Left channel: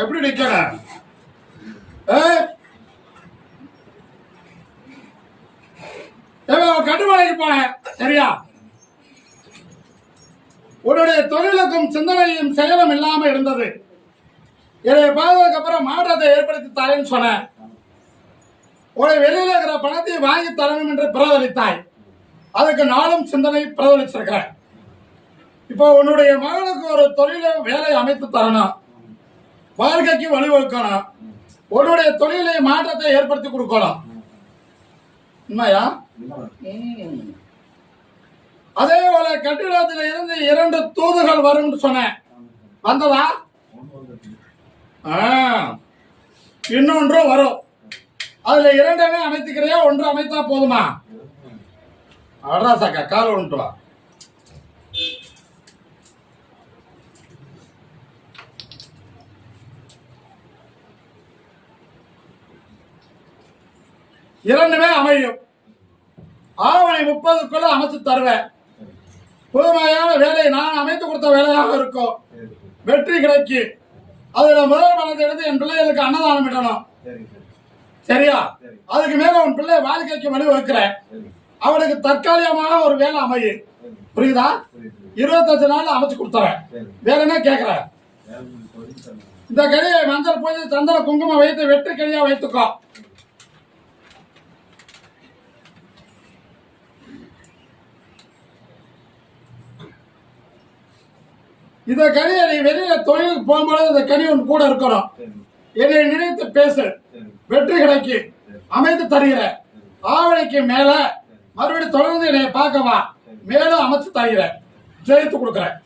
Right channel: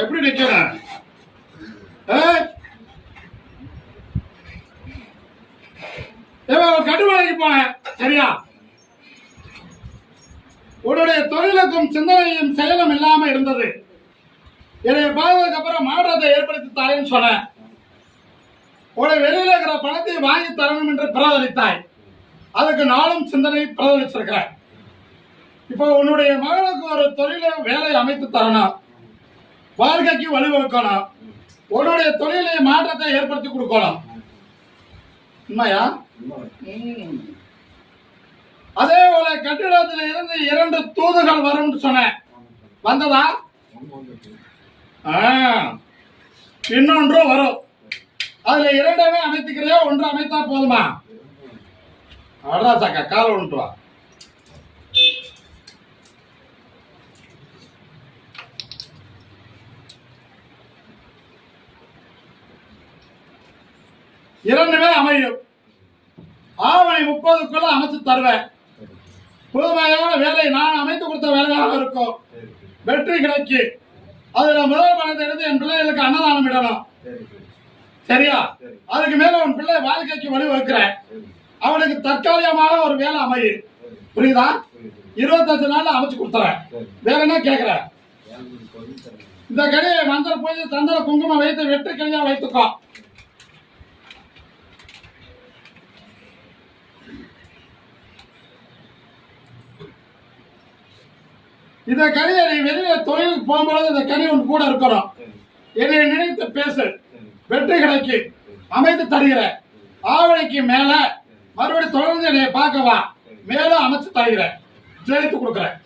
எப்படி நிக்கிற? கட்டுமலைக்கு போனேன், சரியா? உன்னுடைய தொழிலுக்கும் சிந்தனையும் செயலும் இல்லாம இருந்தது. என்னை பார்த்ததுக்கு அப்புறம் மாற்றத்தை ஏற்படுத்தி தரேன்னு சொன்னேன். உன்னை வெளியில இருக்கிற பணத்தை வாங்கி தரணும் என்று பிரதளித்தாய். அதுக்கு நாளும் சிந்தனை பிரதளிச்சிருக்கிறேன். இப்போ உன்னுடைய மகளுக்கு ஒரு தொழிலை வேலை அமைத்து தரணும், வாழ்க்கைக்கு வழிவகுக்கணும், உன்னுடைய தொழிலை மாற்றத்தை ஏற்படுத்தி கொடுக்கணும். உண்மையா? அதே போல கட்டிடத்தில் இருந்து 2 தூதுகள் வரும் சொன்னேன், வந்ததா? இன்னொன்று வரும். அதுல 2 அமைத்துக்கிறியா, 1 அமைத்தா போதுமா? அட்ராசாக்கா கால ஒன்று வா. இரண்டுமே அமையும். ஆவணி 30க்குள்ள அமைச்சு தருவேன். புதுமையான வேலை நான் அமைத்து கொடுத்த வேலையாக இருக்கும். வெற்றி கிடைக்கு. அதுல முதல் பணத்தை எடுத்து என் பிள்ளைகளுக்கு அன்னதானம் இடணும், சரியா? அதுக்கு மேல உன் பிள்ளை வாழ்க்கைக்கு வழிவகுக்கிறேன். அவனுக்கு தற்காலிகமாக ஒரு வேலை அமையும், புரியுதா? 25 நாள்ல அமைச்சு கொடுத்துறேன். வேற என்ன கேட்கிற? இந்த கடியை மஞ்சள் பூஜை சந்தன குங்குமம் வைத்து வெற்றி கடியா வைத்துக்கோ. இந்த கனியை நீ வெளியில தொழிலுக்கு போகும்போது இந்த கனி ஒன்று கூட இருக்கணும். என்னை நினைத்து பேசு, வெற்றி கிடைக்கு, அமைத்து தருகிற. ஆவணிக்கு மேல மறுபடியும் தொடர்ந்து என்னை பார்க்கவா, மேலும் அமைச்சு தருகிறேன், ஜெயித்து கொடுக்குறேன்.